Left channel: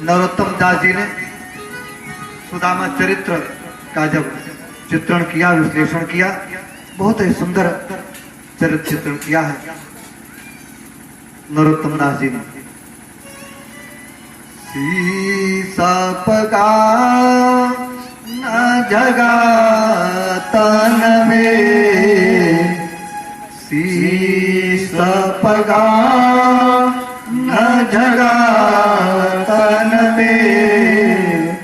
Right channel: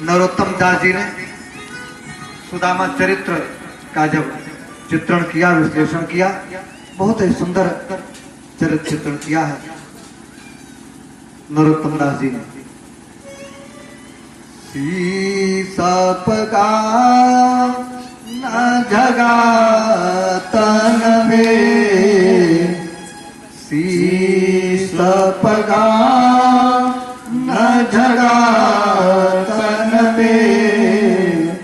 नरोत्तम दास जी ने सुदामा चरित्र का जब चित्रण किया, विश्लेषण किया, बहुत ही सुंदर चरित्र चित्रण किया है नरोत्तम दास जी ने। सीसा पगा न जगा तन में, सीसा पगा न जगा तन में,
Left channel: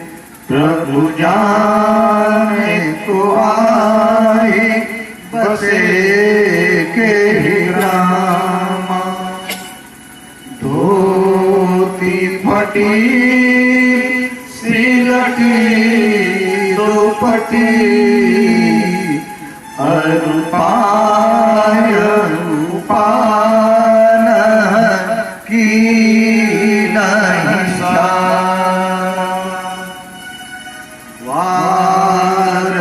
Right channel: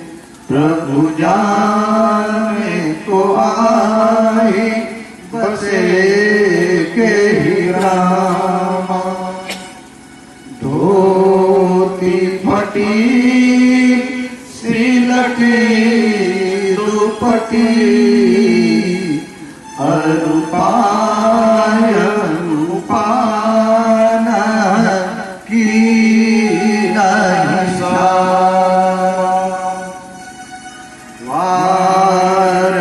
प्रभु जाने को आई बसे के ही रामा। धोती फटी सिलटी दुपटी, अरूपाय रूपान की नहिसा। वार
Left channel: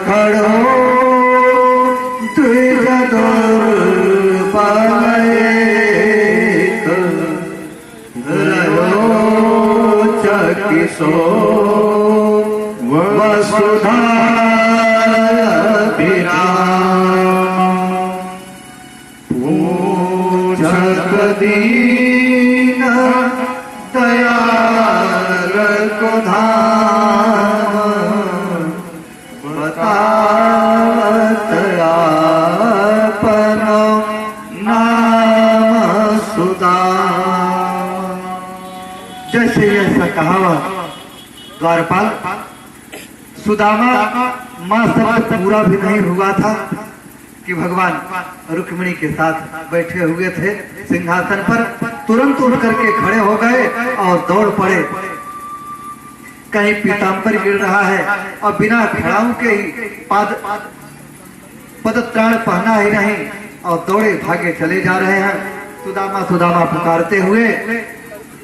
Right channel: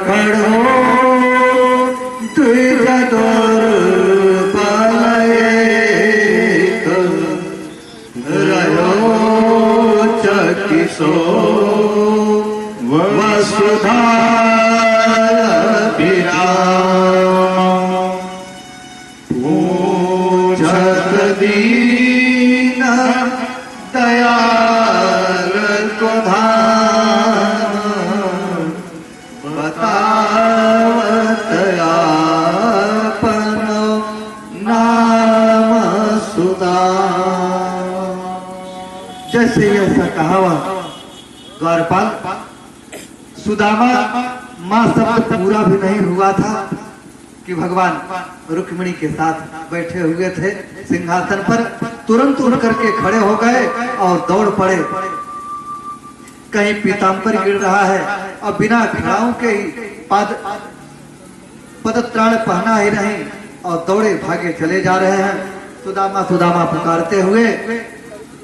करो द्विज दुर्बलयेत, किसो वसुधा पूछत दीन दयाल को धाम, बतावत आपन नाम सुधा। जैसे ऐसा कहावत द्वारपाल सुदामा मां शब्द पूरा भी नहीं हुआ था कि भगवान रुक्मिणी के साथ बैठे हुए थे सिंहासन पर, तुरंत उठ करके खड़े हो गए और दौड़ पड़े। कहीं पीताम्बर गिर रहा है और बिना खड़ाओं के ही पदत्राण पहना ही नहीं और दौड़े भागे चले जा रहे हैं। सुदामा सुदामा पुकारते हुए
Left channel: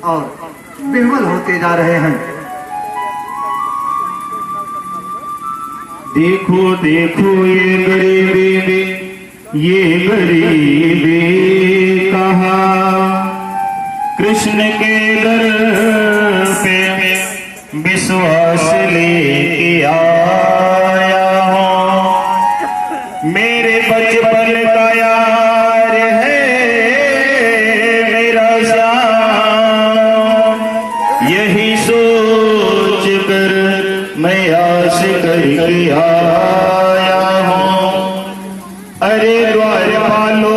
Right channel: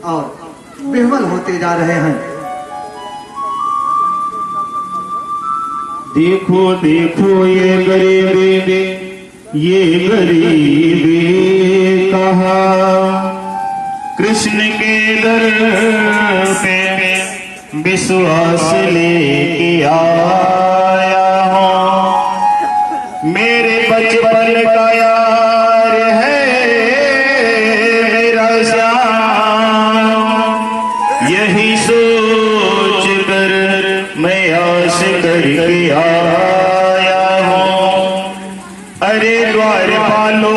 और विह्वल होते जा रहे हैं। देखो देखो ये गरीबी, ये गरीबी कहा, कृष्ण के दर पे विश्वास लेके आया हूँ। मेरे बचपन का यार है मेरा श्याम, यही सोच कर मैं आस करके आया हूँ। अरे द्वारपालो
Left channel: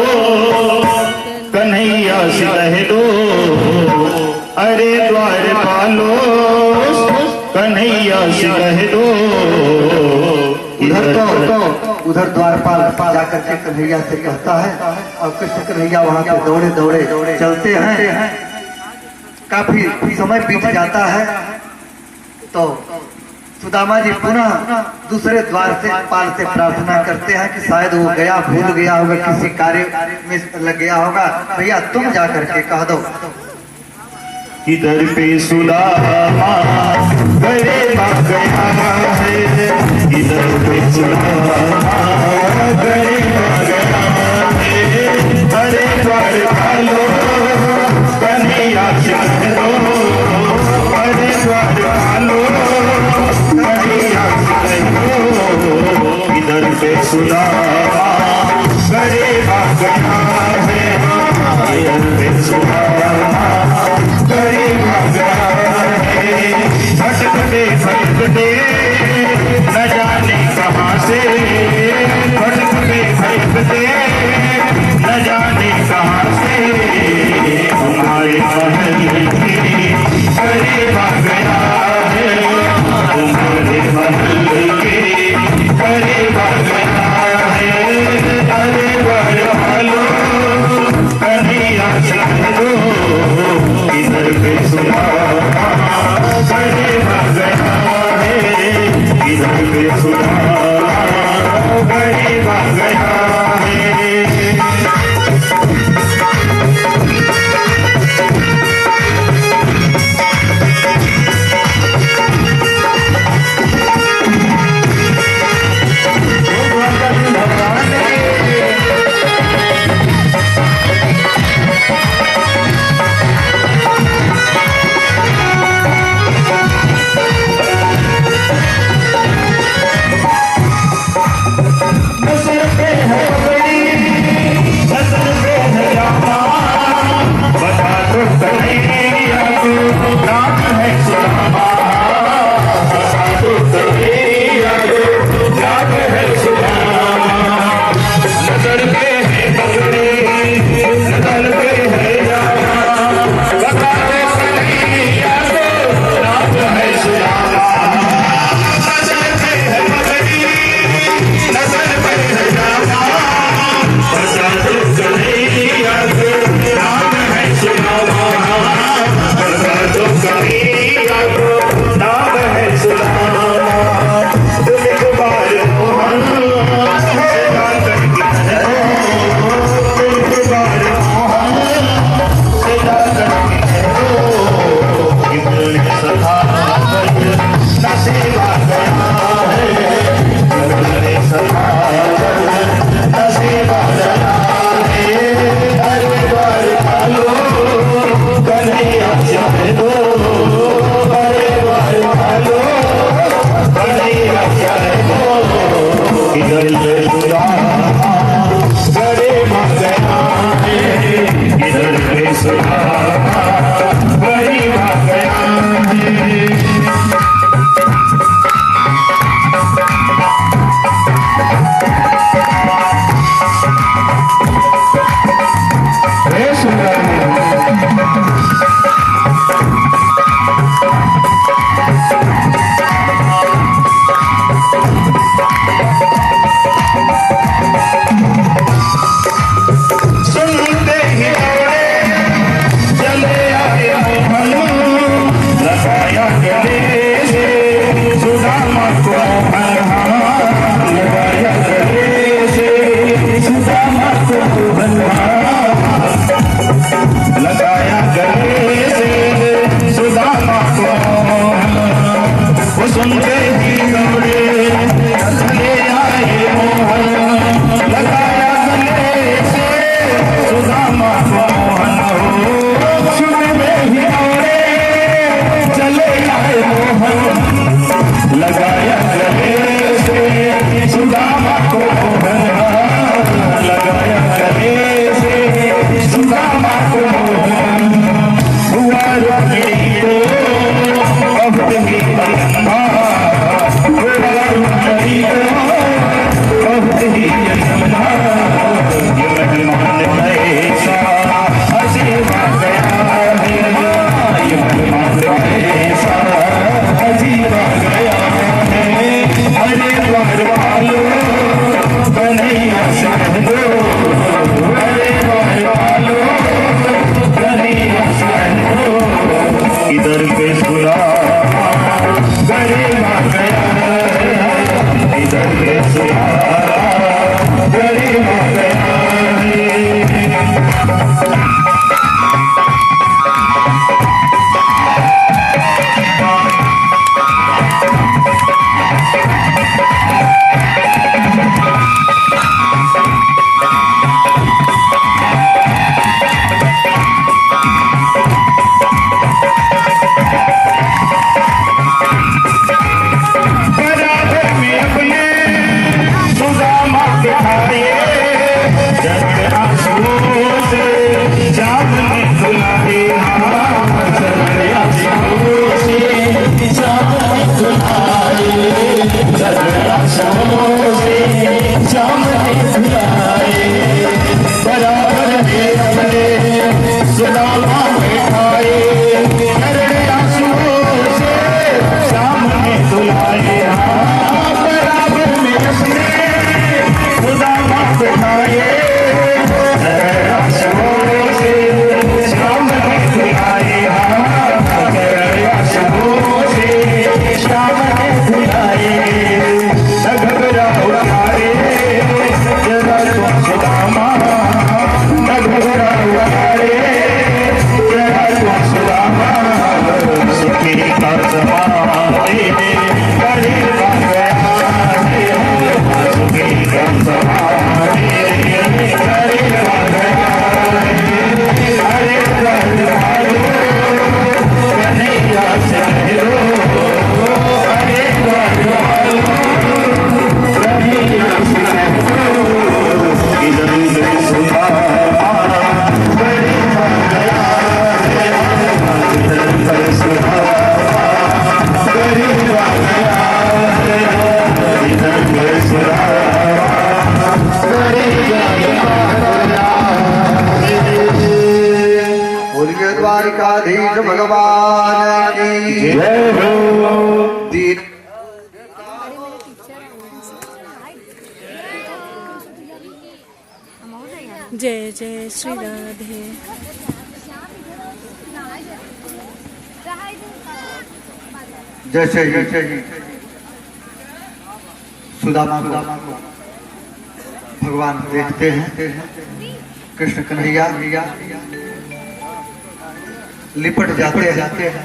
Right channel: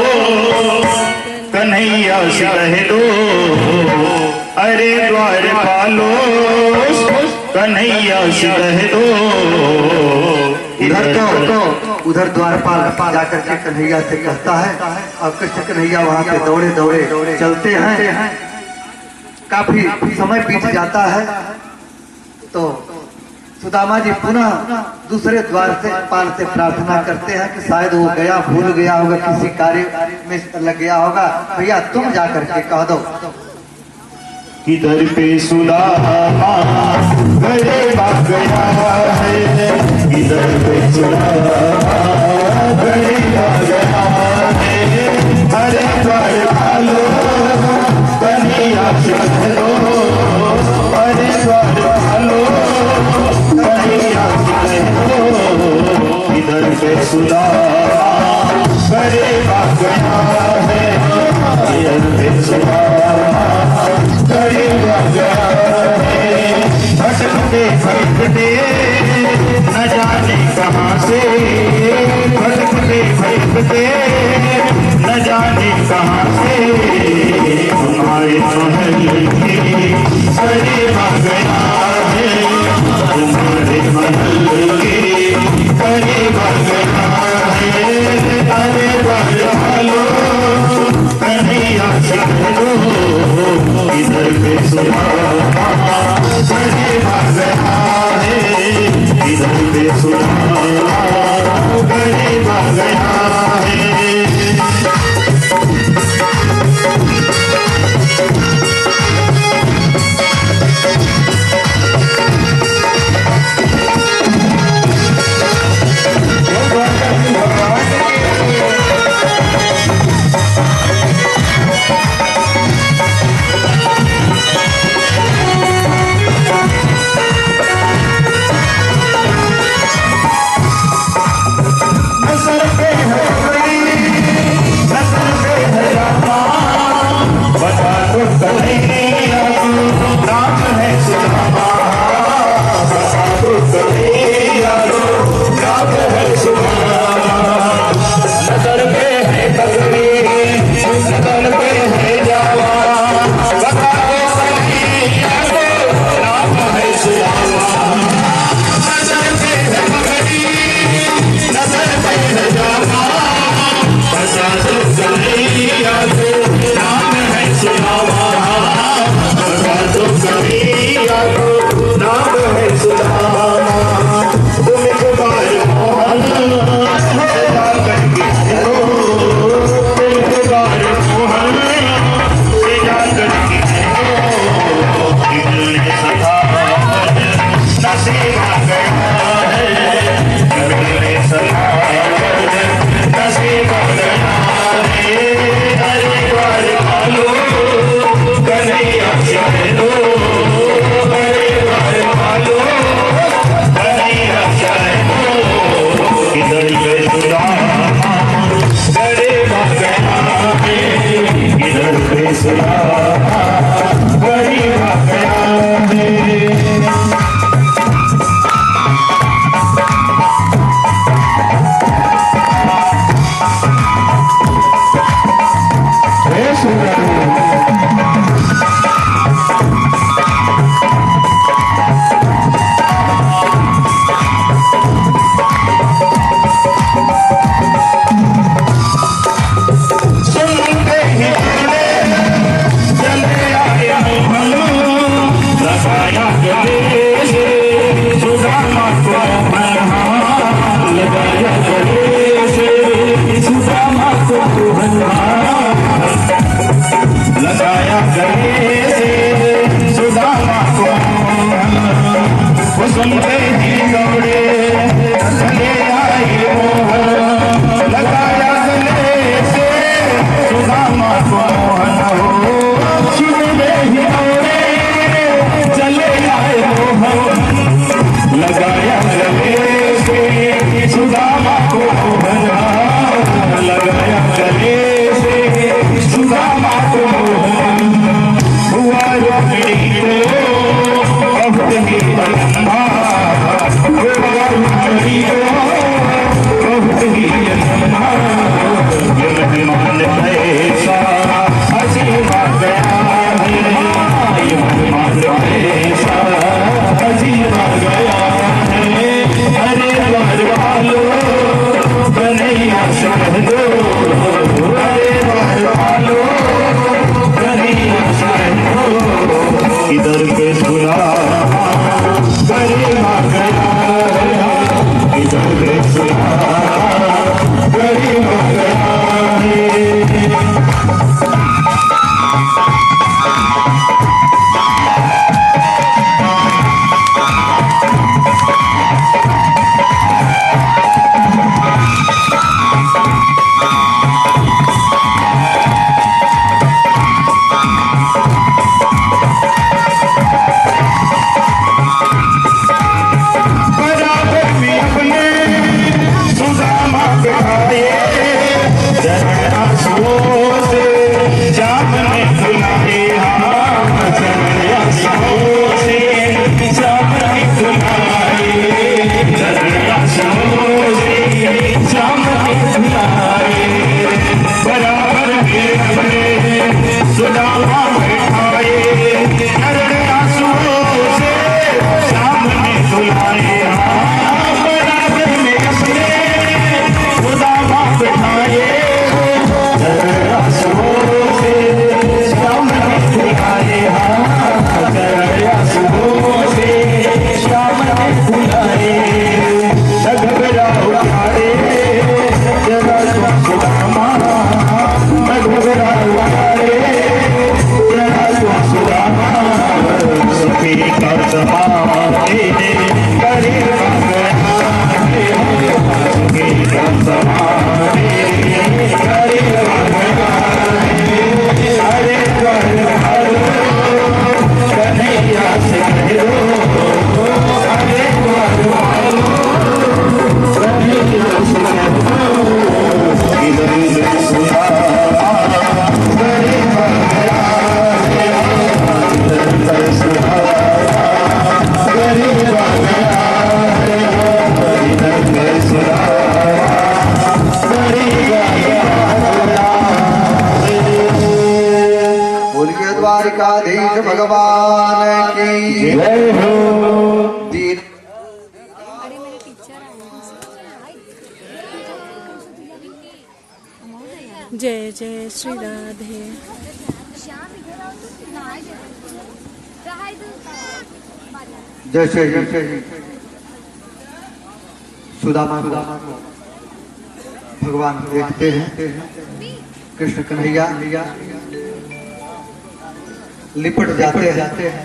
कन्हैया से कह दो, अरे द्वारपालो कन्हैया से कह दो। उधर द्वारपाल जाकर के कन्हैया से कहता है और कृष्ण कन्हैया वहां पे दौड़े दौड़े चलते हैं। काफी समय बीत जाता है तो सुदामा जी पुनः दूसरे द्वार से पाल से प्रार्थना करते हैं कि शायद वो गया, भूल गया होगा, किसी कार्य में लग गया होगा, भैया तुम जा करके कह दो। किधर पे सुदामा गलेगा गया है, किधर पे सुदामा गलेगा गया है। अरे द्वारपालो कन्हैया से कह दो, अरे द्वारपालो कन्हैया से कह दो। किधर पे सुदामा गलेगा गया है, किधर पे सुदामा गलेगा गया है। भटकते भटकते न जाने कहाँ से, भटकते भटकते न जाने कहाँ से, तुम्हारे महल के करीब आ गया है, तुम्हारे महल के करीब आ गया है। अरे द्वारपालो कन्हैया से कह दो, इधर पे सुदामा करीब आ गया है, इधर पे सुदामा करीब आ गया है। इधर पे सुलामा गरिमा गया है, इधर पे सुलामा गरिमा गया है। द्वारिकाधीश भगवान की जय हो। दीन जय जय श्री राधे। जैसे ही सुदामा को भगवान देखते हैं, कृष्ण कन्हैया लिपट जाते हैं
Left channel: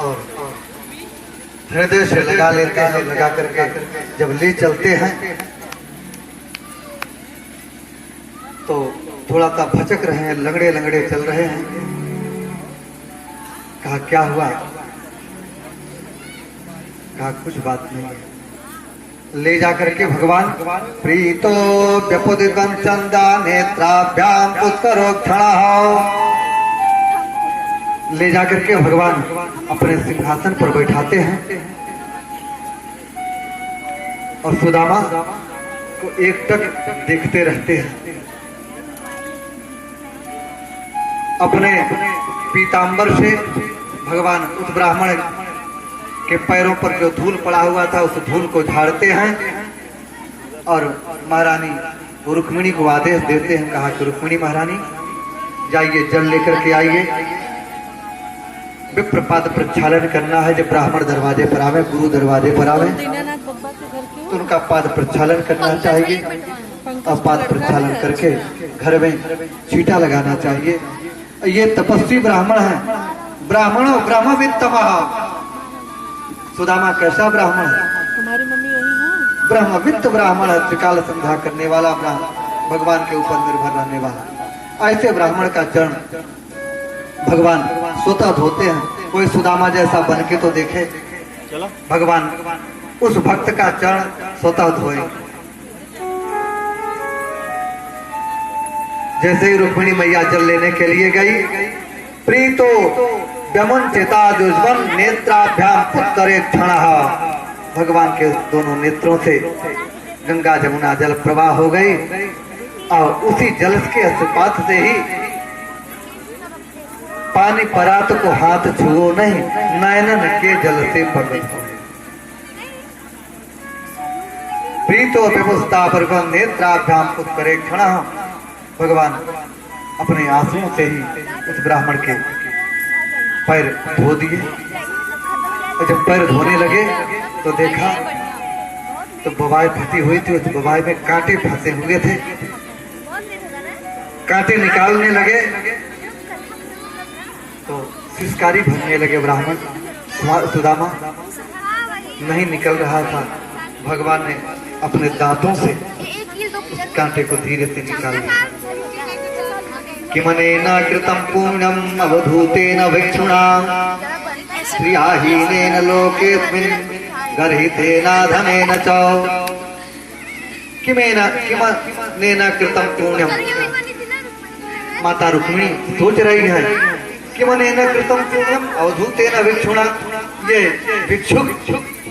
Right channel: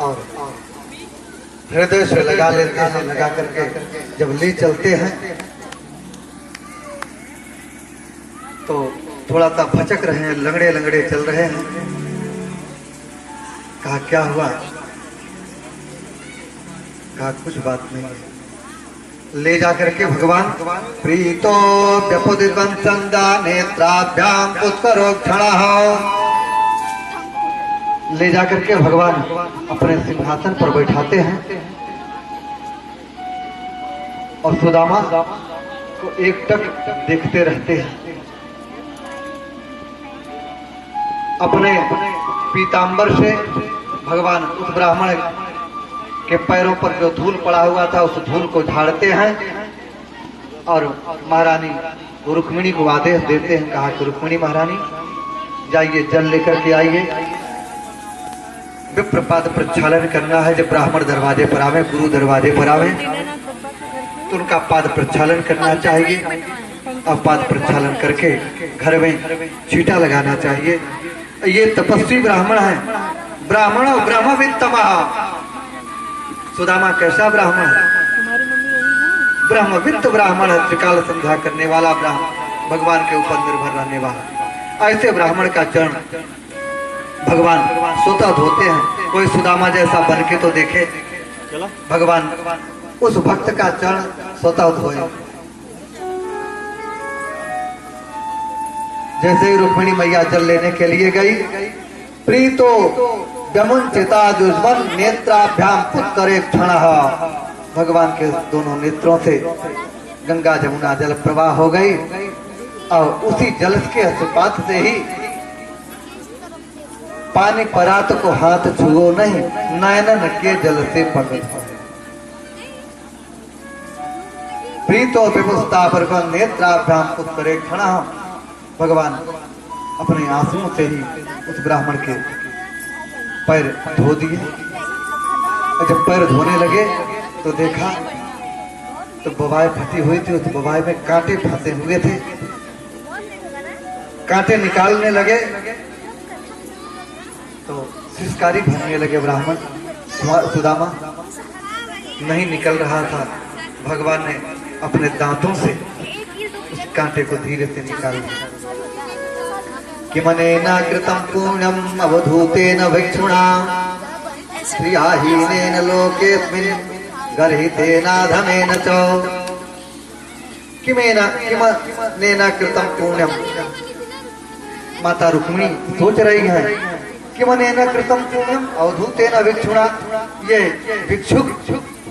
और हृदय से लगा करके जब ले चलते हैं तो थोड़ा सा भचक रहे हैं, लंगड़े चल रहे हैं। कहा क्या हुआ? कहा कुछ बात नहीं है। ले जाकर के भगवान प्रीतो व्यपुदितं चंदा नेत्राभ्याम पुष्करो क्षणः, ले जाकर के भगवान अपने सिंहासन पर बैठाते हैं और सुदामा को एकटक देखते रहते हैं। अपने पीतांबर से भगवान उस ब्राह्मण के पैरों पर जो धूल पड़ा हुआ था उस धूल को झाड़ते हैं और महारानी रुक्मिणी को आदेश देते हैं। कहा कि रुक्मिणी महारानी जाइए, जल लेकर के आइए, विप्रपाद प्रक्षालन करना है। जब ब्राह्मण दरवाजे पर आवे, गुरु दरवाजे पर आवे तो उनका पाद प्रक्षालन करना चाहिए और पाद प्रक्षालन करके घर में छींटा लगाना चाहिए। ये तपस्वी ब्राह्मण है, ब्राह्मणों ब्रह्मवित्तमः। सुदामा कैसा ब्राह्मण है? हमारी मम्मी वही है, ब्रह्मवित्त ब्राह्मण है, त्रिकाल संध्या करने वाला ब्राह्मण, भगवान के ऊपर निर्भर रहने वाला। ऐसे ब्राह्मण का चरण भगवान स्वतः धोते हैं। कोई सुदामा जैसा बन के तो देखे, भगवान उस भक्त का चरण स्वतः धोए। जैसे ही रुक्मिणी मैया जल लेने के लिए गई, प्रीतो व्यमुंचिता दुष्मन नेत्राभ्याम पुत्तरे क्षणः, भगवान के दोनों नेत्रों से गंगा जमुना जल प्रवाह हो गई और उसी जल के अस्पात से ही पानी परात को हाथ छुओ नहीं, नयनन के जल से पवित्र हो। प्रीतो विमुस्ता पर नेत्राभ्याम पुत्तरे क्षणः, भगवान अपने आंसुओं से ही उस ब्राह्मण के पैर धो दिए। और जब पैर धोने लगे तो देखा तो बवाए फटी हुई थी, उस बवाए में कांटे फंसे हुए थे। कांटे निकालने लगे तो सिसकारी भरने लगे ब्राह्मण। सुदामा नहीं निकल रहा था, भगवान ने अपने दांतों से उस कांटे को धीरे से निकाल दिया। किमनेन कृतं पुण्यम् अवधूतेन भिक्षुणा स्त्रियाहीनेन लोकेऽस्मिन् गर्हितेनाधमेन च। किमनेन कृतं पुण्यम्, माता रुक्मिणी सोच रही है किमनेन कृतं पुण्यम् अवधूतेन भिक्षुणा, ये भिक्षुक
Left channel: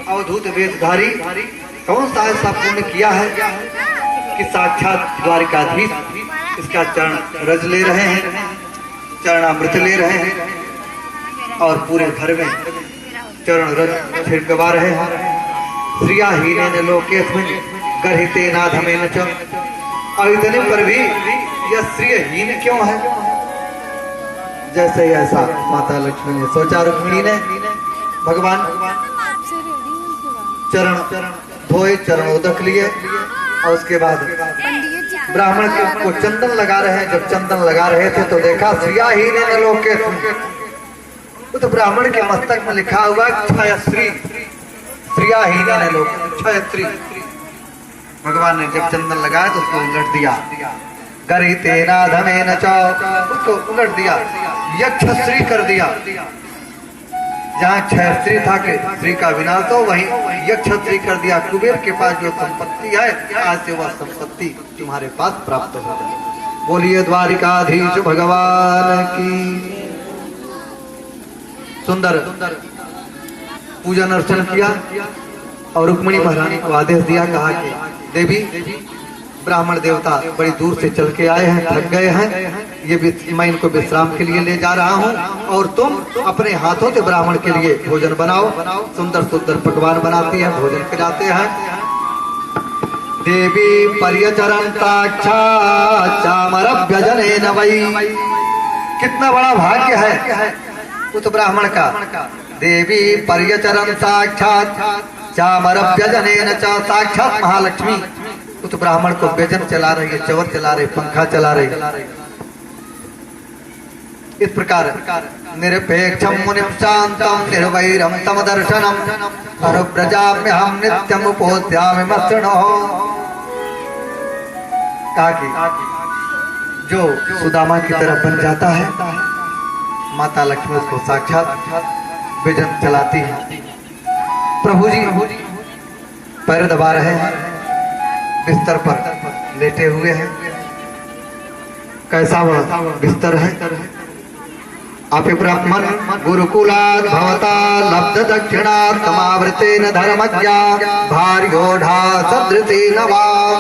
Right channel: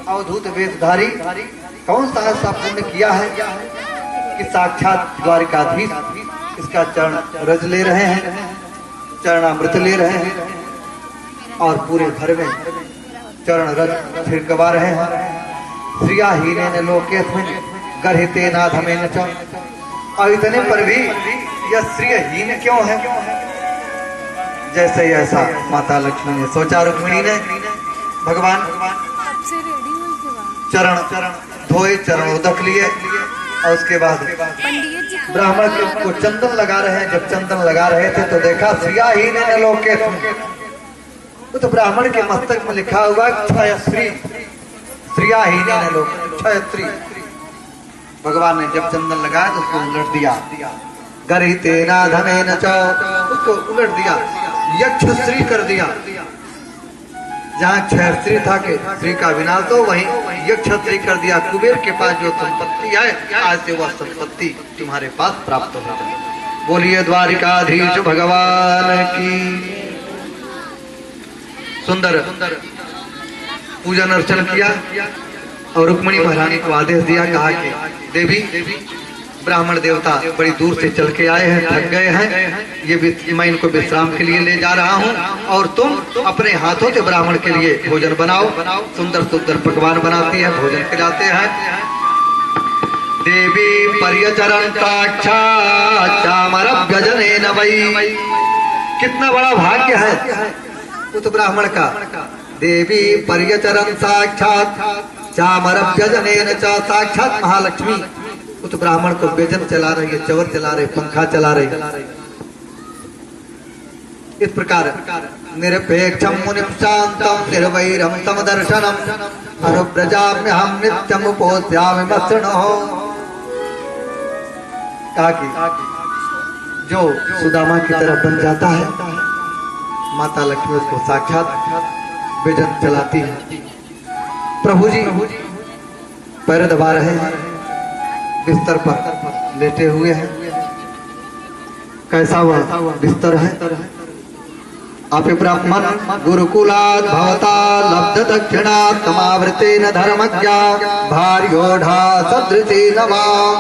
अवधूत वेशधारी कौन सा ऐसा पुण्य किया है कि साक्षात द्वारिकाधीश इसका चरण रज ले रहे हैं, चरणामृत ले रहे हैं और पूरे घर में चरण रज छिड़कवा रहे हैं। स्त्रियाहीनेन लोकेऽस्मिन् गर्हितेनाधमेन च। और इतने पर भी यह स्त्रीहीन क्यों है? जैसे ऐसा माता लक्ष्मी ने सोचा, रुक्मिणी ने भगवान चरण धोए, चरण उदक लिए और उसके बाद ब्राह्मण को चंदन लगा रहे हैं। जब चंदन लगा रहे थे तो देखा स्त्रियाहीनेन लोकेऽस्मिन्, तो ब्राह्मण के मस्तक में लिखा हुआ क्षयश्री, स्त्रियाहीनेन लोकेऽस्मिन् क्षयश्री। भगवान ने जब चंदन लगाया तो उसको उलट दिया, गर्हितेनाधमेन च, उसको उलट दिया, यक्षश्री कर दिया। जहाँ क्षयश्री था कि स्त्री का विनाश हो, वहीं यक्षश्री कर दिया। कुबेर के पास जो संपत्ति है आज से वह संपत्ति तुम्हारे पास प्राप्त हो जाए। बोलिए द्वारिकाधीश भगवान की। सुंदर पूजन अर्चन किया और रुक्मिणी महारानी को आदेश दिया, कहा कि देवी ब्राह्मण देवता बड़ी दूर से चल के आए हैं, थक गए हैं, ये मैं इनको विश्राम के लिए ले जा रहा हूँ और तुम अपने हाथों से ब्राह्मण के लिए भोजन बनाओ। सुंदर सुंदर पकवान बनाती है, भोजन खिलाते हैं। देवी पर्यचरण चामरभ्यजनेन वै, कितना बड़ा भाग्य है उस ब्राह्मण का। देवी पर्यचरण साक्षात चामरभ्यजनेन च, साक्षात महालक्ष्मी उस ब्राह्मण को व्यजन चला रही है, चवर चला रही, पंखा चला रही। इस प्रकार निरपेक्षम मुनिम शांतम निर्वैरम तम दर्शनम अनुव्रजाम्यहं नित्यम उपोध्यामि मसृणः। कहा कि जो सुदामा की तरह बन जाता है, माता लक्ष्मी उसको साक्षात व्यजन चलाती है। प्रभु जी पैर दबा रहे हैं, बिस्तर पर लेटे हुए हैं। कैसा वह बिस्तर है? अपि ब्राह्मण गुरुकुलात् भवता लब्ध दक्षिणात् समावृतेन धर्मज्ञा भार्योढ़ा सदृशेन वाम।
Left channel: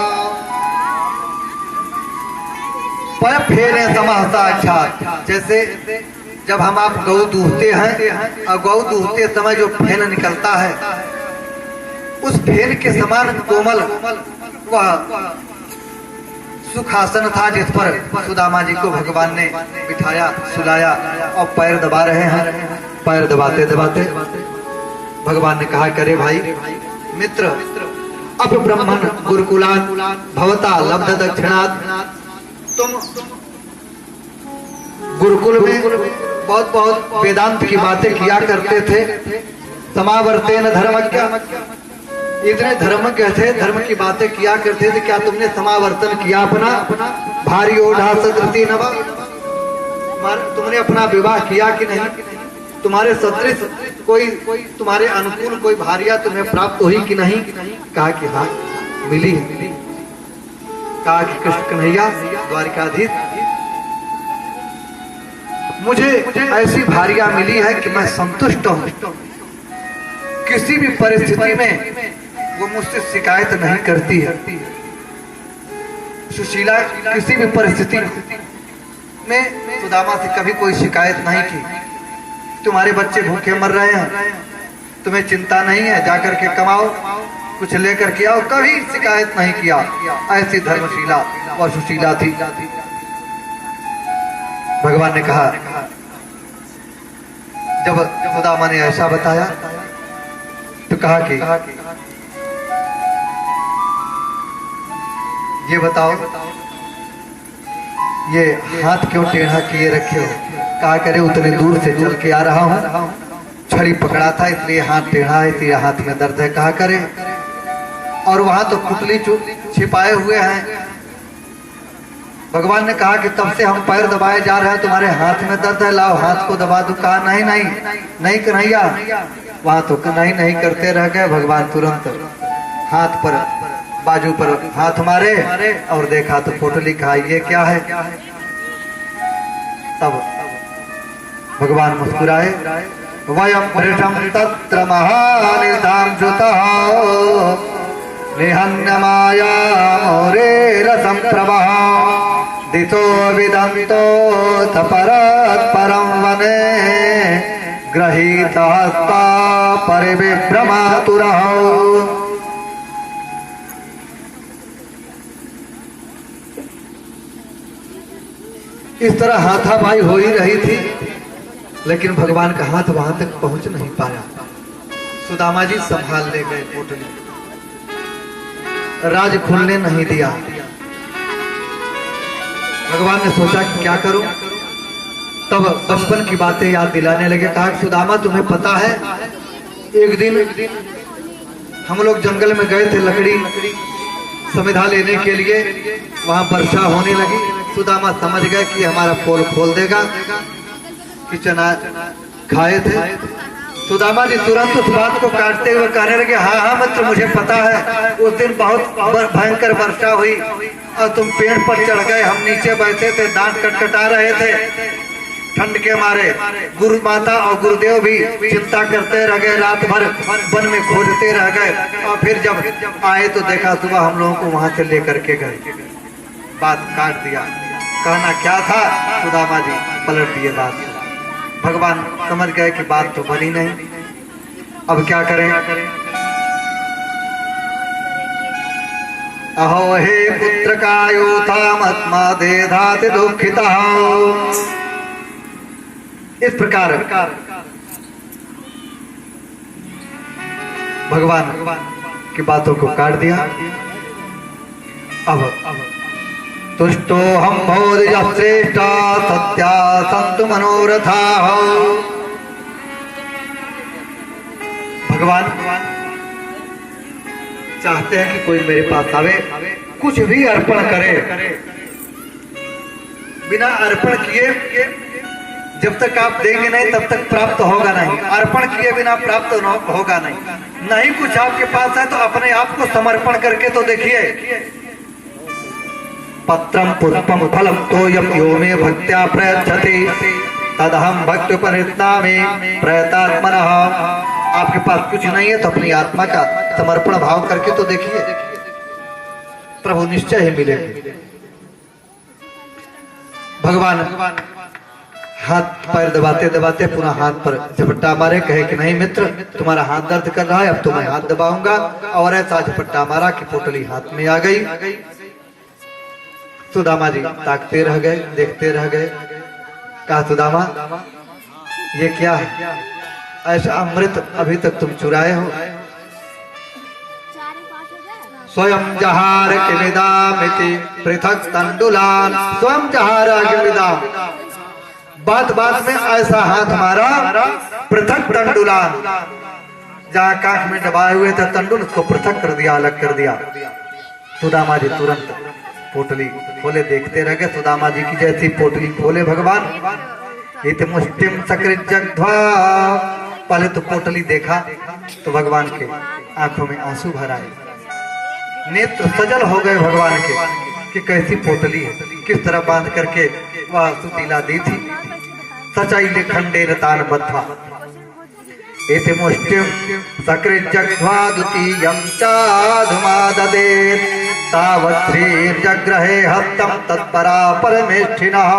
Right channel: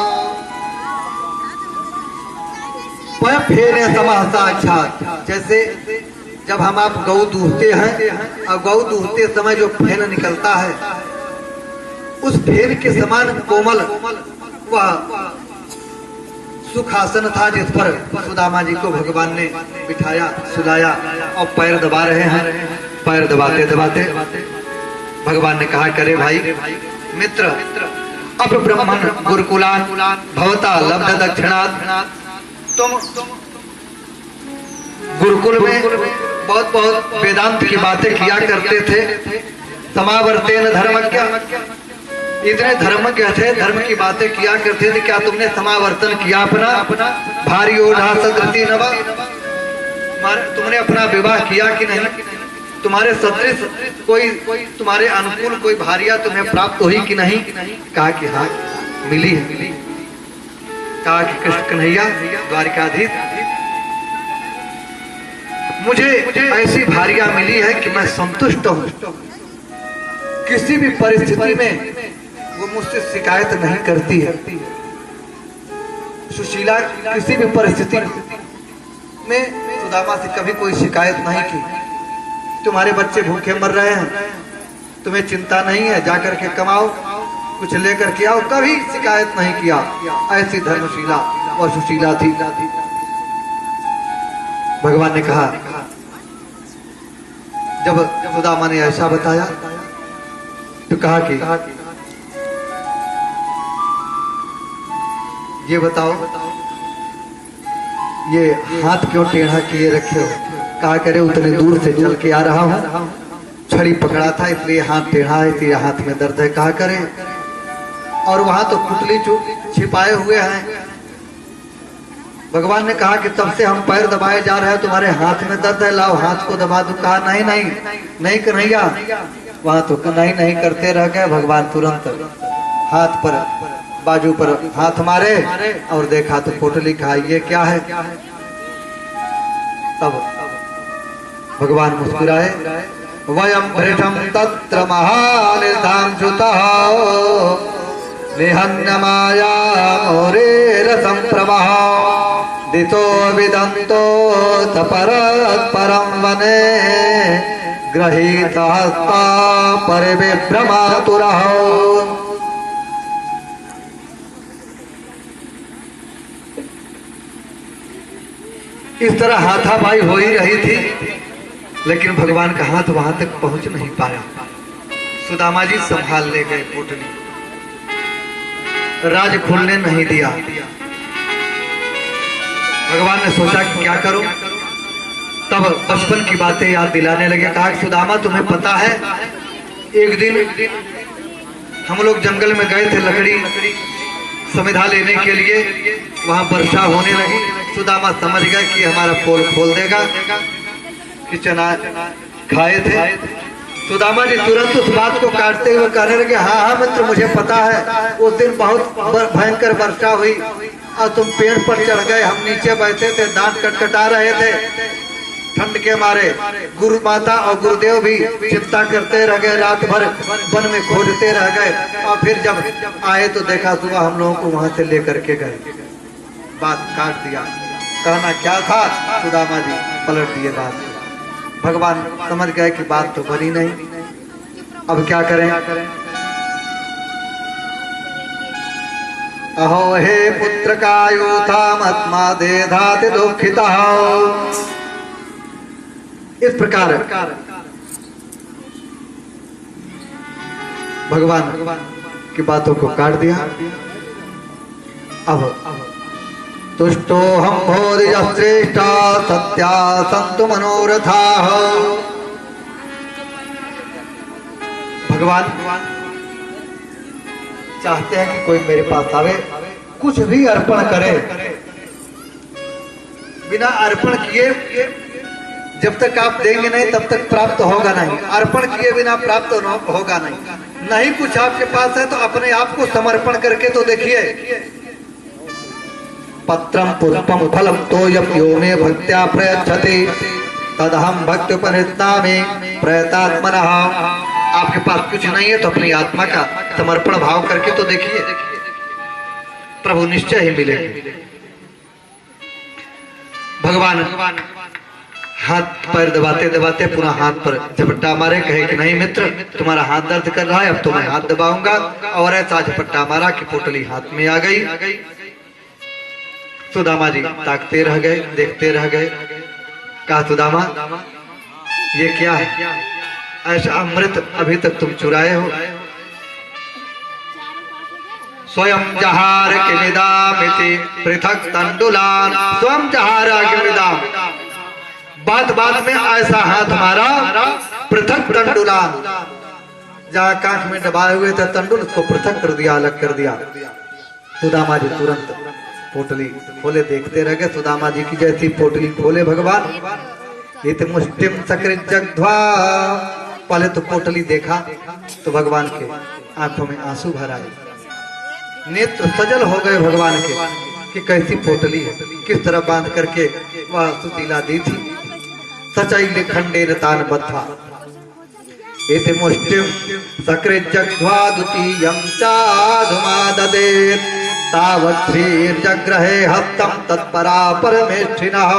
पैर फेरे समाह साक्षात, जैसे जब हम आप गौ दूहते हैं और गौ दूहते समय जो फेन निकलता है, उस फेन के समान कोमल वह सुखासन था जिस पर सुदामा जी को भगवान ने बिठाया, सुलाया और पैर दबा रहे हैं। पैर दबाते दबाते भगवान ने कहा, करे भाई मित्र, अब ब्राह्मण गुरुकुलान भवता लब्ध दक्षिणात्, तुम गुरुकुल में बहुत बहुत वेदांत की बातें किया करते थे। समावर्तेन धर्मज्ञ, इतने धर्मज्ञ थे, धर्म की बातें किया करते थे, क्या तुमने समावर्तन किया अपना? भारी ओढ़ा सदृति नवा, तुमने अपना विवाह किया कि नहीं? तुम्हारे सदृश कोई तुम्हारे अनुकूल कोई भारिया तुम्हें प्राप्त हुई कि नहीं? कहा कि हाँ मिली है। कहा कि कृष्ण कन्हैया द्वारिकाधीश, मुझे ऐसी भारिया मिली है कि मैं संतुष्ट हूँ। किसी भी परिस्थिति में वो मुझसे शिकायत नहीं करती है। सुशीला किसी भी परिस्थिति में सुदामा से कभी कोई शिकायत नहीं की। तुम्हारे बच्चे भूखे मर रहे हैं, तुम्हें चिंता नहीं है, जाकर के कमाओ, कुछ लेकर के आओ, कभी शिकायत नहीं किया। ऐसी धर्मशीला व सुशीला थी। भगवान ने कहा, जब सुदामा ने ऐसा बताया तो कहा कि ये बताओ, ये हाथ क्यों टेढ़ा किए रखे हो? कहा करे उतने दूर से चल के आ रहा हूं, छड़ी पकड़ा था इसलिए हाथ टेढ़ा है, इसलिए हाथ में दर्द है। कहा करे और वहां तो पुतली छिपाए हुए हैं। भगवान ने कहा कि तब से हम पैर दबाए जा रहे हैं, तुम्हारे हाथ में दर्द है, लाओ हाथ को दबा दो। कहा नहीं नहीं नहीं कन्हैया, वहां तो नहीं नहीं करते रह गए। भगवान तुरंत हाथ पर बाजू पर हाथ मारे और देखा तो पोटली। कहा ये क्या है? तब भगवान मुस्कुराए, वयम भृशम तत्र महानिधाम जुतः निहन्य माया मोरे रसम प्रवाह दितो विदंतो परत परम वने गृहीता परिविभ्रमातुरः। इस तरह हाथापाई हो ही रही थी, लेकिन भगवान का हाथ वहां तक पहुंच नहीं पाया। सुदामा जी संभाल ले गए पोटली, राज खुलने नहीं दिया। भगवान ने सोचा कि क्या करूं, तब बचपन की बातें याद दिलाने लगे। कहा सुदामा तुम्हें पता है, एक दिन हम लोग जंगल में गए थे लकड़ी समिधा लेने के लिए, वहां वर्षा होने लगी। सुदामा समझ गया कि हमारा पोल खोल देगा, कि चना खाए थे। सुदामा जी तुरंत उस बात को काटते हुए कहने लगे, हाँ हाँ मित्र मुझे पता है, उस दिन बहुत भयंकर वर्षा हुई और तुम पेड़ पर चढ़ गए, हम नीचे बैठे थे, दांत कटकटा रहे थे ठंड के मारे। गुरु माता और गुरुदेव भी चिंता करते रह गए, रात भर वन में खोजते रह गए और फिर जब आए तो देखा सुबह हम लोगों को वहां से लेकर के गए। बात काट दिया। कहना क्या था, सुदामा जी पलट दिए बात। भगवान समझ गए कि बात तो बनी नहीं, अब क्या करें। अहो हे पुत्र का योथात्मा दे धाति दुखिता। इस प्रकार भगवान की बातों को काट दिया। अब तुष्टो हम भोदय श्रेष्ठा सत्या संतु मनोरथा। भगवान चाहते हैं कि कोई मेरे पास आवे, कुछ भी अर्पण करे, बिना अर्पण किए जब तक आप देंगे नहीं तब तक प्राप्त होगा नहीं, अर्पण किए बिना प्राप्त होगा नहीं। नहीं कुछ आपके पास है तो अपने आप को समर्पण करके तो देखिए। पत्रम पुष्पम फलम तोयम यो मे भक्त्या प्रयच्छति तदहम भक्त्युपनिष्ठामि प्रयतात्मनः। आपके पास कुछ नहीं है तो अपनी आत्मा का समर्पण भाव करके तो देखिए, प्रभु निश्चय ही मिलेंगे। भगवान हाथ पैर दबाते दबाते पुनः हाथ पर झपट्टा मारे, कहे कि नहीं मित्र तुम्हारा हाथ दर्द कर रहा है, अब तो मैं हाथ दबाऊंगा। और ऐसा झपट्टा मारा कि पोटली हाथ में आ गई। सुदामा जी ताकते रह गए, देखते रह गए। कहा सुदामा ये क्या है, ऐसा अमृत अभी तक तुम चुराए हो। स्वयं जहार किमिदामिति पृथक तंडुलान। स्वयं जहार किमिदाम, बात बात में ऐसा हाथ हमारा पृथक तंडुलान, जहाँ कांख में दबाए हुए थे तंडुल उसको पृथक कर दिया, अलग कर दिया। सुदामा जी तुरंत पोटली खोले, देखते रह गए। सुदामा जी की जैसी पोटली खोले भगवान, इत मुष्टिम सकृत जग्ध्वा। पहले तो पोटली देखा तो भगवान के आंखों में आंसू भर आए, नेत्र सजल हो गए भगवान के कि कैसी पोटली है, किस तरह बांध करके वह सुतीला दी थी। सचाई खंडे तान बद्धा एते मुष्टिम सकृत जग्ध्वा द्वितीयं चाधुमा ददेत तावत् श्रीर्जग्रहे हस्तम तत्परा परमेष्ठिनः।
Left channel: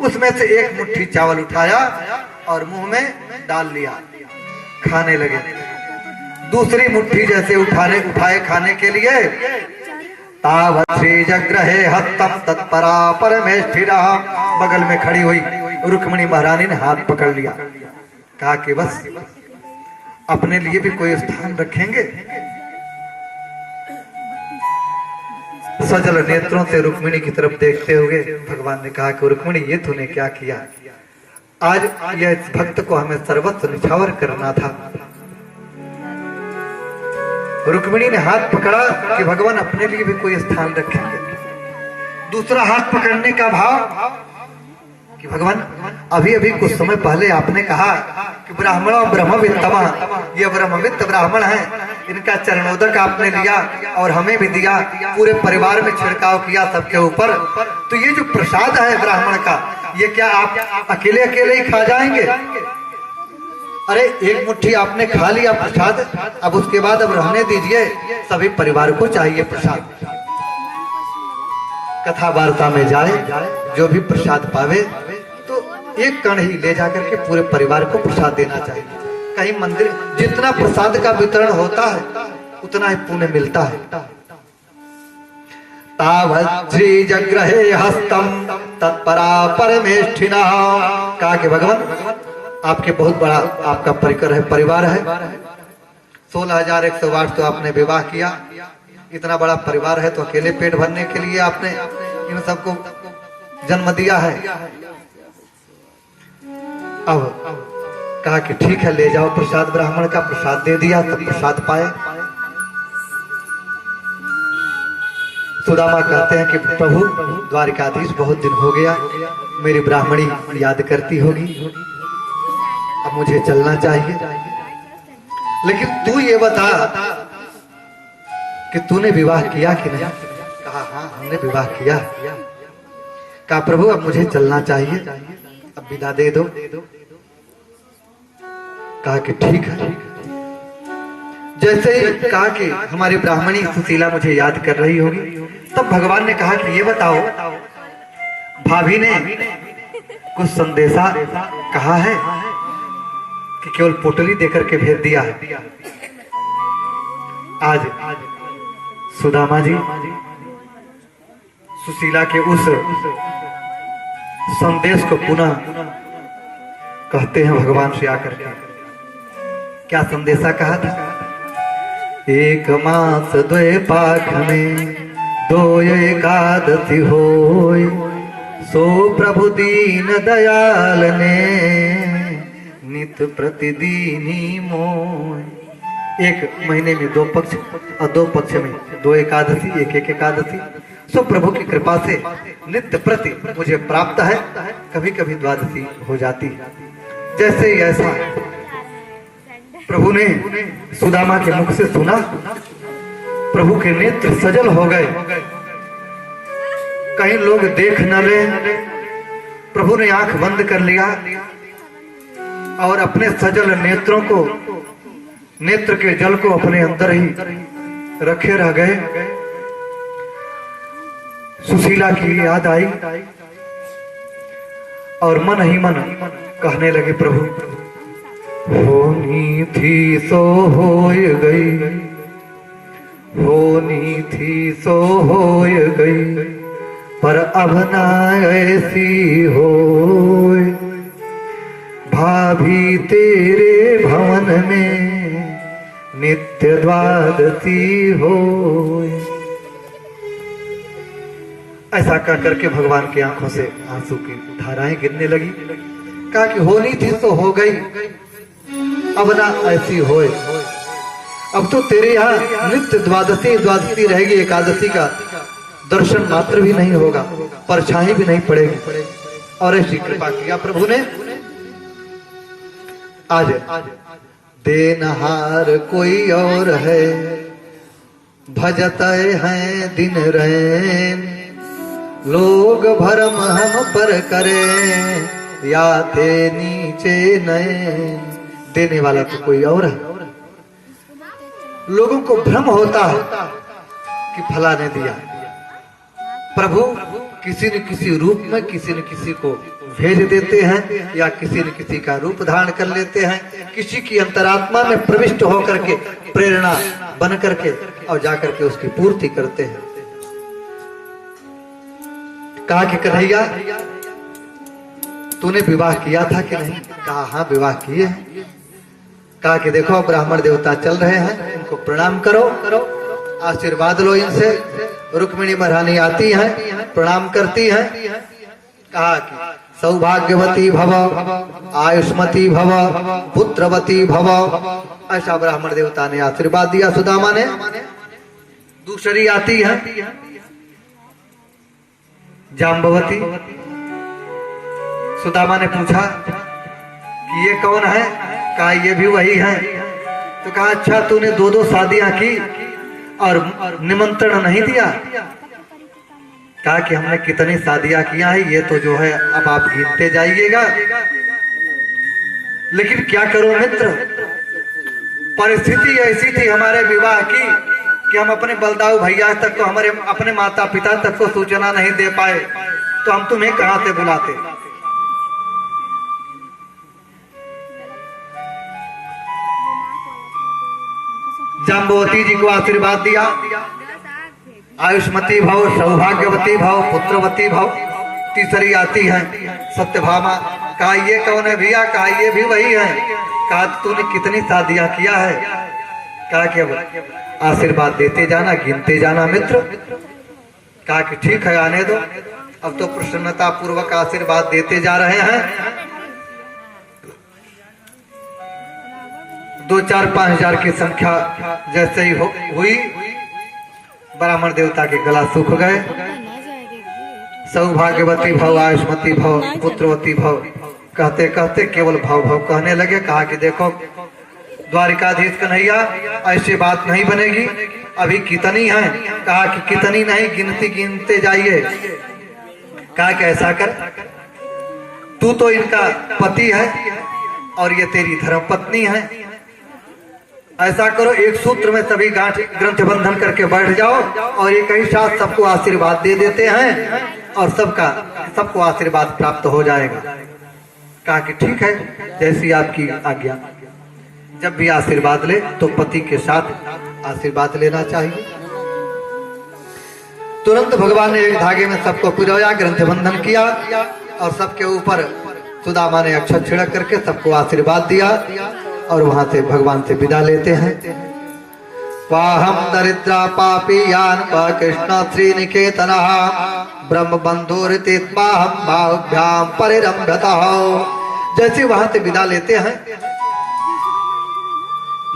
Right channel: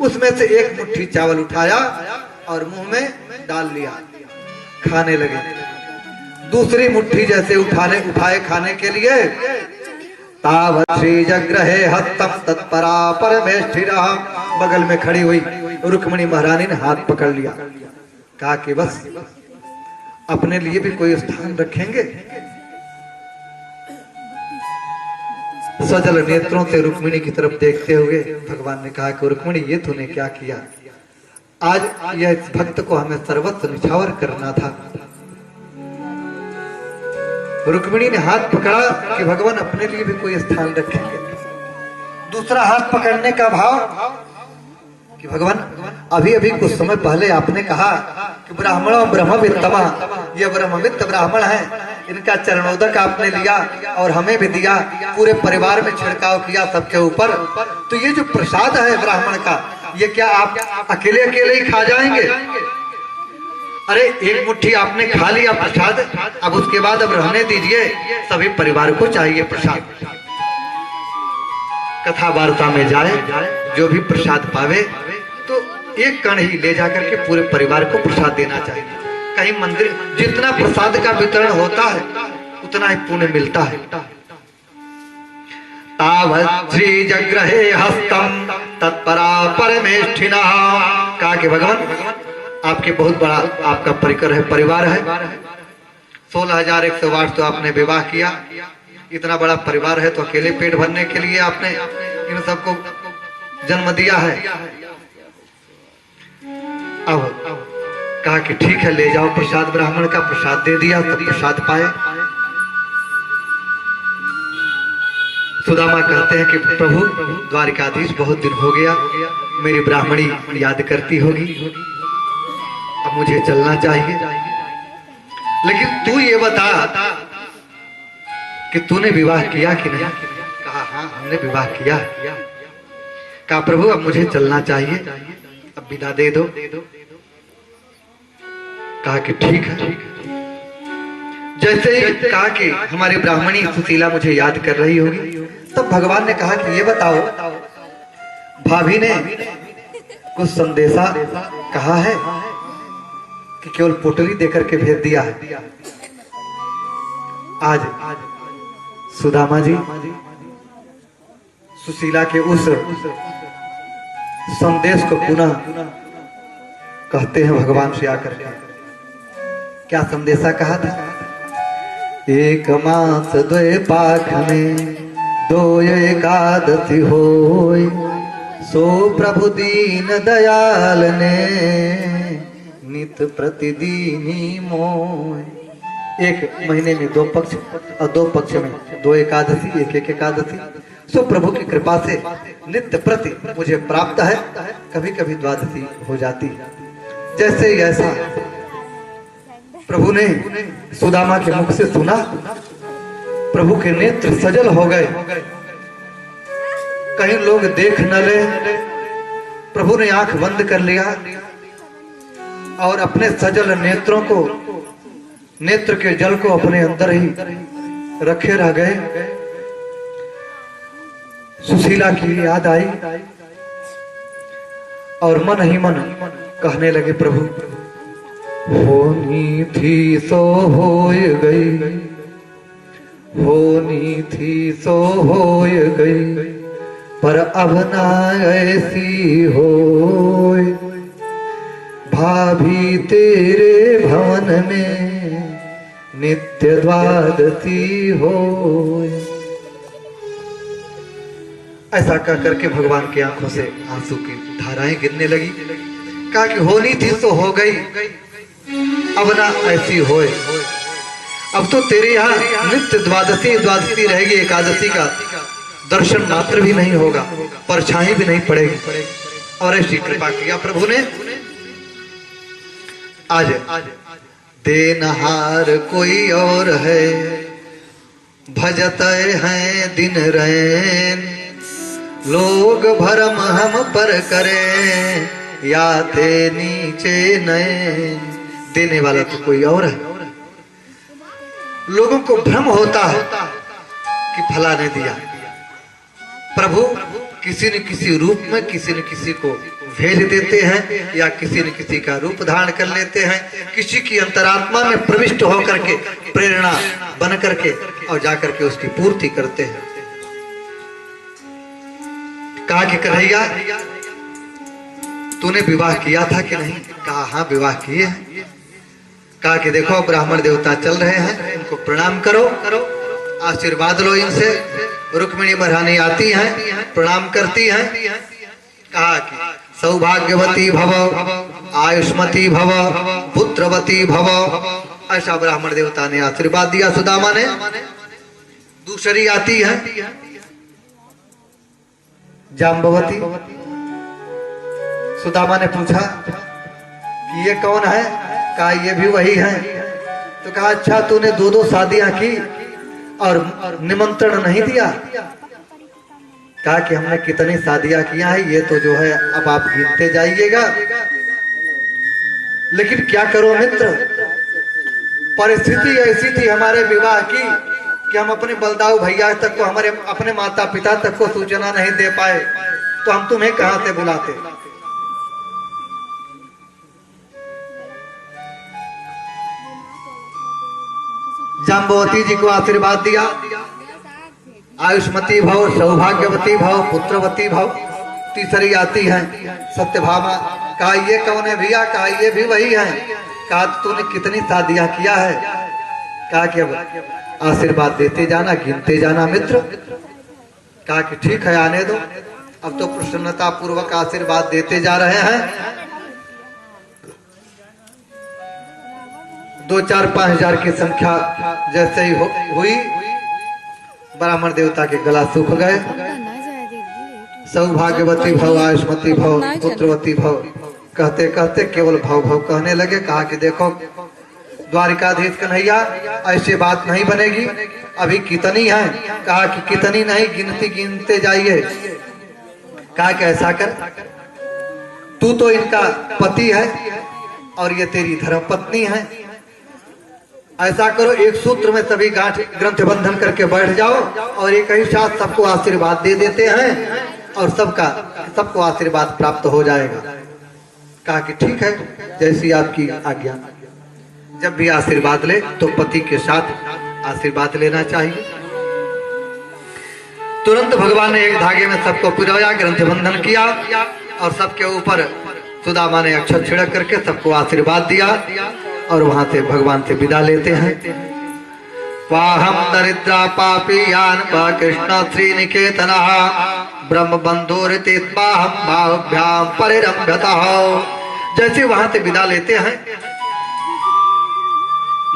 उसमें से एक मुट्ठी चावल उठाया और मुंह में डाल लिया, खाने लगे। दूसरी मुट्ठी जैसे उठाए खाने के लिए तावत्रे जग्रहे हस्तम तत्परा परमेष्ठिरा। बगल में खड़ी हुई रुक्मिणी महारानी ने हाथ पकड़ लिया, कहा कि बस अपने लिए भी कोई स्थान रखेंगे। सजल नेत्रों से रुक्मिणी की तरफ देखते हुए भगवान ने कहा कि रुक्मिणी, ये तूने क्या किया? आज यह भक्त को हमें सर्वस्व निछावर करना था। रुक्मिणी ने हाथ पकड़ा कि भगवान अपने लिए भी कोई स्थान रखेंगे। दूसरा हाथ पकड़ने का भाव कि भगवान अभी अभी कुछ समय पहले आपने कहा कि ब्राह्मणों ब्रह्मवित्तमा, ये ब्रह्मवित्त ब्राह्मण है, इनका चरणोदक आपने लिया और हमें भी दिया, पूरे परिवार में छिड़काव किया सबके ऊपर। तो ये जो प्रसाद है ब्राह्मण का, ये क्या आप अकेले अकेले ही खा जाएंगे? अरे एक मुट्ठी आपने खा लिया प्रसाद, अब उसके बाद अब रहने दीजिए, सभी परिवार को चाहिए प्रसाद। कथा वार्ता में जाए, जो भी प्रसाद पावे तो एक कण ही ले जाकर के पूरे परिवार को प्रसाद देना चाहिए। कहीं मंदिर जितना प्रसाद का वितरण होता है उतना ही पुण्य मिलता है। तावत् श्री जग्रहे हस्तम तत्परा परमेष्ठिना। कहा कि भगवान आपके बहुत बड़ा आपका परिकर है, परिवार है। 16,108 तो आपने विवाह किया, इतना बड़ा परिवार है तो अकेले पेट भरने के लिए आपने इन सबको जन्म दिया है। अब कहा कि ठीक है, ले जाओ प्रसाद। ब्राह्मण का प्रसाद दे दिया, तब प्रसाद पाए। सुदामा कहते हैं कि प्रभु द्वारिकाधीश, बहुत दिन हो गया, मेरी ब्राह्मणी याद करती होगी, अब मुझे चलना चाहिए। लेकिन तू ये बता कि तूने विवाह किया कि नहीं? कहा हाँ, हमने विवाह किया। कहा प्रभु अब मुझे चलना चाहिए, अब विदा दे दो। कहा कि ठीक है। जैसे ही कहा कि हमारी ब्राह्मणी सुशीला मुझे याद कर रही होगी, तब भगवान ने कहा कि ये बताओ, भाभी ने कुछ संदेशा कहा है कि केवल पोटली देकर के भेज दिया है? आज सुदामा जी सुशीला के उस संदेश को पुनः कहते हैं भगवान से आकर के। क्या संदेशा कहा था? एक मास द्वे पाख में दो एकादशी होय, सो प्रभु दीन दयाल ने नित प्रतिदिन ही मोय। एक महीने में 2 पक्ष और 2 पक्ष में 2 एकादशी, एक एक एकादशी, सो प्रभु की कृपा से नित्य प्रति मुझे प्राप्त है। कभी कभी द्वादशी हो जाती है। जैसे ही ऐसा प्रभु ने सुदामा के मुख से सुना, प्रभु के नेत्र सजल हो गए, कहीं लोग देख न ले। प्रभु ने आंख बंद कर लिया और अपने सजल नेत्रों को, नेत्र के जल को अपने अंदर ही रखे रह गए। सुशीला की याद आई और मन ही मन कहने लगे, प्रभु होनी थी सो होय गई, होनी थी सो होय गई, पर अब ना ऐसी होय। भाभी तेरे भवन में नित्य द्वादशी होय। ऐसा कह करके भगवान की आंखों से आंसू की धाराएं गिरने लगी। कहा कि होनी थी तो हो गई, अब ना ऐसी होए। अब तो तेरे यहाँ नित्य द्वादशी रहेगी, एकादशी का दर्शन मात्र भी नहीं होगा, परछाई भी नहीं पड़ेगी। और ऐसी कृपा किया प्रभु ने। आज देनहार कोई और है, भजत हैं दिन रैन, लोग भरम हम पर करें, या थे नीचे नैन। देने वाला तो कोई और है। लोगों को भ्रम होता है कि फला ने दिया। प्रभु किसी न किसी रूप में किसी न किसी को भेज देते हैं या किसी न किसी का रूप धारण कर लेते हैं, किसी की अंतरात्मा में प्रविष्ट होकर के प्रेरणा बन करके और जाकर के उसकी पूर्ति करते हैं। कहा कि कन्हैया तूने विवाह किया था कि नहीं? कहा हाँ विवाह किए हैं। कहा कि देखो ब्राह्मण देवता चल रहे हैं, इनको प्रणाम करो, आशीर्वाद लो इनसे। रुक्मिणी महारानी आती हैं, प्रणाम करती हैं। कहा कि सौभाग्यवती भव, आयुष्मती भव, पुत्रवती भव। ऐसा ब्राह्मण देवता ने आशीर्वाद दिया सुदामा ने। दूसरी आती है जाम्बवती। सुदामा ने पूछा कि ये कौन है? कहा ये भी वही है। तो कहा अच्छा तूने दो दो शादियां की और निमंत्रण नहीं दिया? कहा कि हमने कितनी शादियां किया है ये तो जो है अब आप गिनते जाइएगा। लेकिन क्या करो मित्र, परिस्थिति ऐसी थी हमारे विवाह की कि हम अपने बलदाऊ भैया तक को, हमारे अपने माता पिता तक को सूचना नहीं दे पाए, तो हम तुम्हें कहां से बुलाते। जाम्बवती जी को आशीर्वाद दिया, आयुष्मती भव, सौभाग्यवती भव, पुत्रवती भव। तीसरी आती है सत्यभामा। कहा ये कौन है भैया? कहा ये भी वही है। कहा तूने कितनी शादियां किया है? कहा कि अब आशीर्वाद देते जाना, गिनते जाना मित्र। कहा कि ठीक है आने दो। अब तो प्रसन्नता पूर्वक आशीर्वाद देते जा रहे हैं। 2, 4, 5 हजार की संख्या जैसे ही हुई, ब्राह्मण देवता के गला सूख गए। सौभाग्यवती भव, आयुष्मती भव, पुत्रवती भव कहते कहते केवल भव भव कहने लगे। कहा कि देखो द्वारिकाधीश कन्हैया ऐसी बात नहीं बनेगी, अभी कितनी है? कहा कि कितनी नहीं, गिनती गिनते जाइए। कहा कि ऐसा कर, तू तो इनका पति है और ये तेरी धर्मपत्नी है। ऐसा करो एक सूत्र में सभी गांठ ग्रंथ बंधन करके बैठ जाओ और एक ही साथ सबको आशीर्वाद दे देते हैं और सबको आशीर्वाद प्राप्त हो जाएगा। कहा कि ठीक है जैसी आपकी आज्ञा। जब भी आशीर्वाद ले तो पति के साथ आशीर्वाद लेना चाहिए। तुरंत भगवान ने एक धागे में सबको पिरोया, ग्रंथ बंधन किया और सबके ऊपर सुदामा ने अक्षत छिड़क करके सबको आशीर्वाद दिया और वहां से भगवान से विदा लेते हैं। वाहम दरिद्रा पापी यान कृष्ण श्रीनिकेतन ब्रह्म बंधुरितिस्माहम भावभ्याम परिरम्भतः। जैसे वहां से विदा लेते हैं,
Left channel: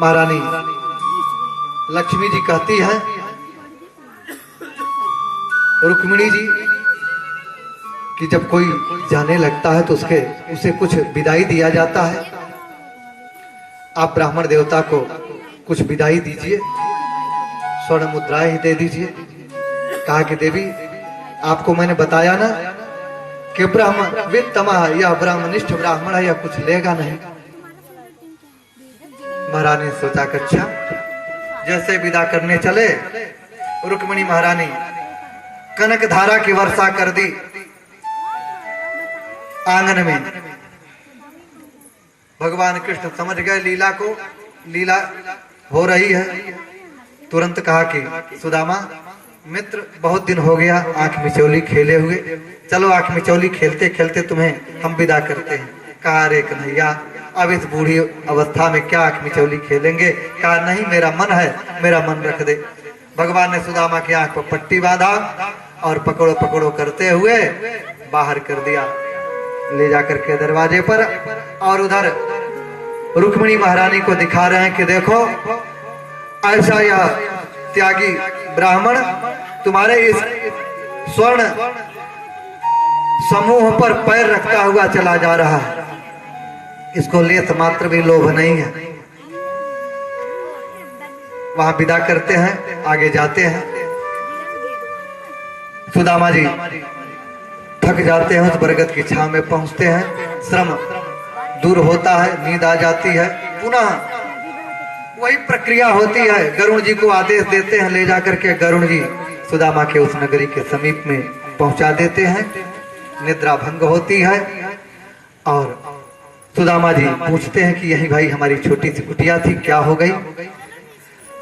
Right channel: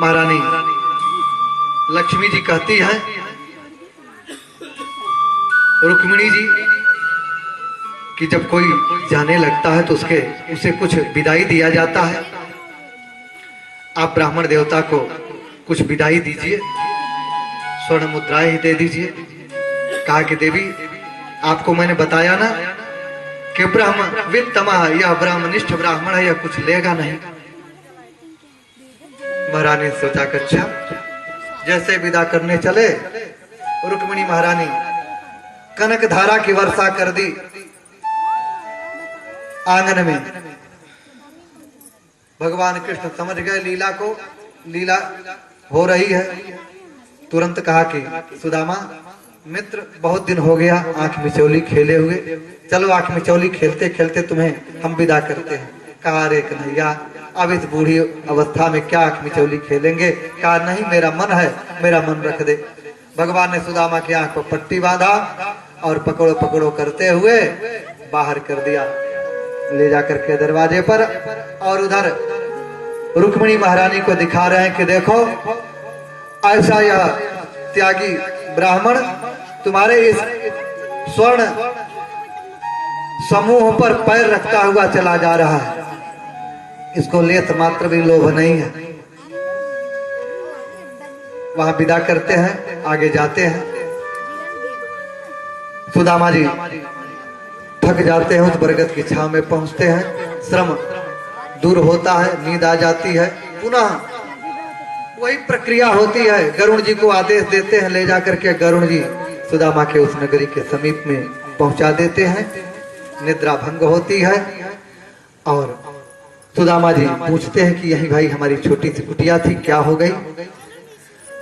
महारानी लक्ष्मी जी कहती हैं रुक्मिणी जी कि जब कोई जाने लगता है तो उसे कुछ विदाई दिया जाता है। आप ब्राह्मण देवता को कुछ विदाई दीजिए, स्वर्ण मुद्राएं ही दे दीजिए। कहा कि देवी आपको मैंने बताया ना कि ब्राह्मण वित्तमा या ब्राह्मनिष्ठ ब्राह्मण है, या कुछ लेगा नहीं। महारानी ने सोचा कि अच्छा। जैसे विदा करने चले, रुक्मिणी महारानी कनक धारा की वर्षा कर दी आंगन में। भगवान कृष्ण समझ गए लीला को, लीला हो रही है। तुरंत कहा कि सुदामा मित्र बहुत दिन हो गया आंख मिचौली खेले हुए, चलो आंख मिचौली खेलते खेलते तुम्हें हम विदा करते हैं। कहा रे कन्हैया अब इस बूढ़ी अवस्था में क्या आंख मिचौली खेलेंगे? कहा नहीं मेरा मन है, मेरा मन रख दे। भगवान ने सुदामा की आंख पर पट्टी बांधा और पकड़ो पकड़ो करते हुए बाहर कर दिया, ले जाकर के दरवाजे पर। और उधर रुक्मिणी महारानी को दिखा रहे हैं कि देखो ऐसा यह त्यागी ब्राह्मण तुम्हारे इस स्वर्ण समूह पर पैर रखता हुआ चला जा रहा है, इसको लेत मात्र भी लोभ नहीं है। वहां विदा करते हैं, आगे जाते हैं। सुदामा जी थक जाते हैं, उस बरगद की छांव में पहुंचते हैं। श्रम दूर होता है, नींद आ जाती है। पुनः वही प्रक्रिया होती है। गरुण जी को आदेश देते हैं, ले जाकर के गरुण जी सुदामा के उस नगरी के समीप में पहुंचा देते हैं। निद्रा भंग होती है और सुदामा जी पूछते हैं कि यही भाई हमारी छोटी सी कुटिया थी, क्या हो गई?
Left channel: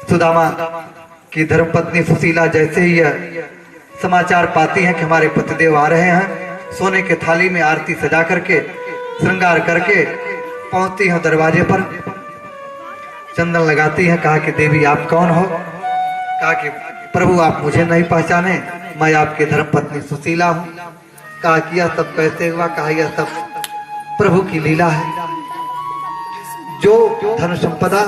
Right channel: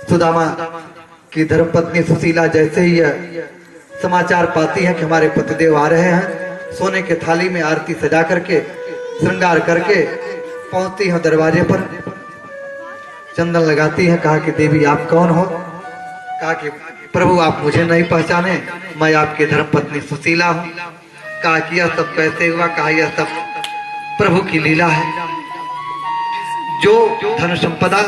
सुदामा की धर्मपत्नी सुशीला जैसे ही समाचार पाती हैं कि हमारे पतिदेव आ रहे हैं। सोने के थाली में आरती सजा करके श्रृंगार करके पहुंचती हैं दरवाजे पर, चंदन लगाती है। कहा कि देवी आप कौन हो? कहा कि प्रभु आप मुझे नहीं पहचाने, मैं आपकी धर्मपत्नी सुशीला हूँ। कहा कि यह सब कैसे हुआ? कहा यह सब प्रभु की लीला है। जो धन संपदा,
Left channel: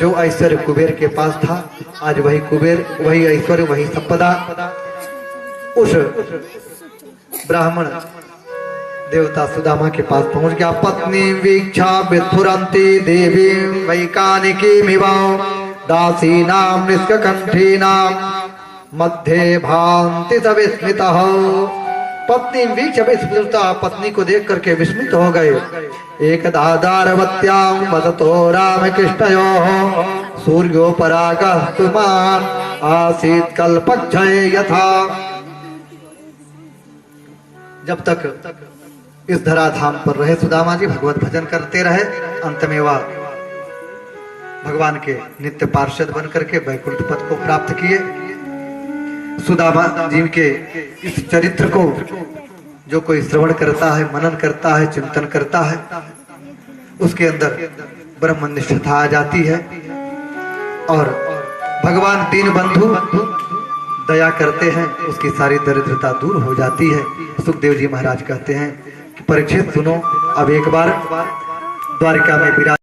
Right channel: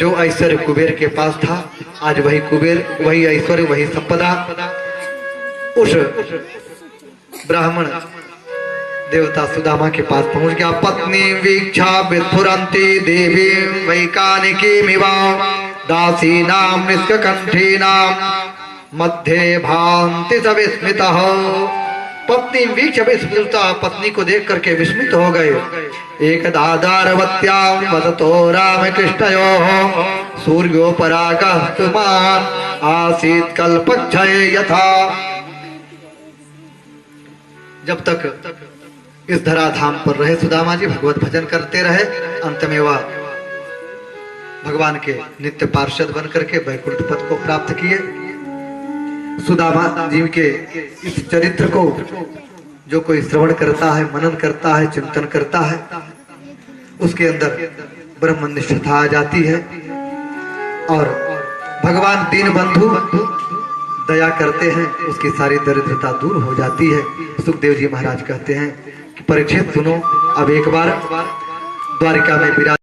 जो ऐश्वर्य कुबेर के पास था, आज वही कुबेर, वही ऐश्वर्य, वही संपदा उस ब्राह्मण देवता सुदामा के पास पहुंच गया। पत्नी वीक्षा विस्फुरंती देवी वैकानिकी मिवा दासी नाम निष्कंठी नाम मध्य भांति स विस्मितः। पत्नी वीक्ष विस्मृता, पत्नी को देख करके विस्मित हो गए। एक दादारवत्याम वदतो राम कृष्णयोः सूर्योपरागस्तुमान आसीत कल्पक्षये यथा। जब तक इस धराधाम पर रहे सुदामा जी, भगवत भजन करते रहे। अंत में वह भगवान के नित्य पार्षद बन करके वैकुंठ पद को प्राप्त किए। सुदामा जी के इस चरित्र को जो कोई श्रवण करता है, मनन करता है, चिंतन करता है, उसके अंदर ब्रह्मनिष्ठता आ जाती है और भगवान दीन बंधु दया करते हैं, उसकी सारी दरिद्रता दूर हो जाती है। सुखदेव जी महाराज कहते हैं कि परीक्षित सुनो, अब एक बार द्वारिका में विराज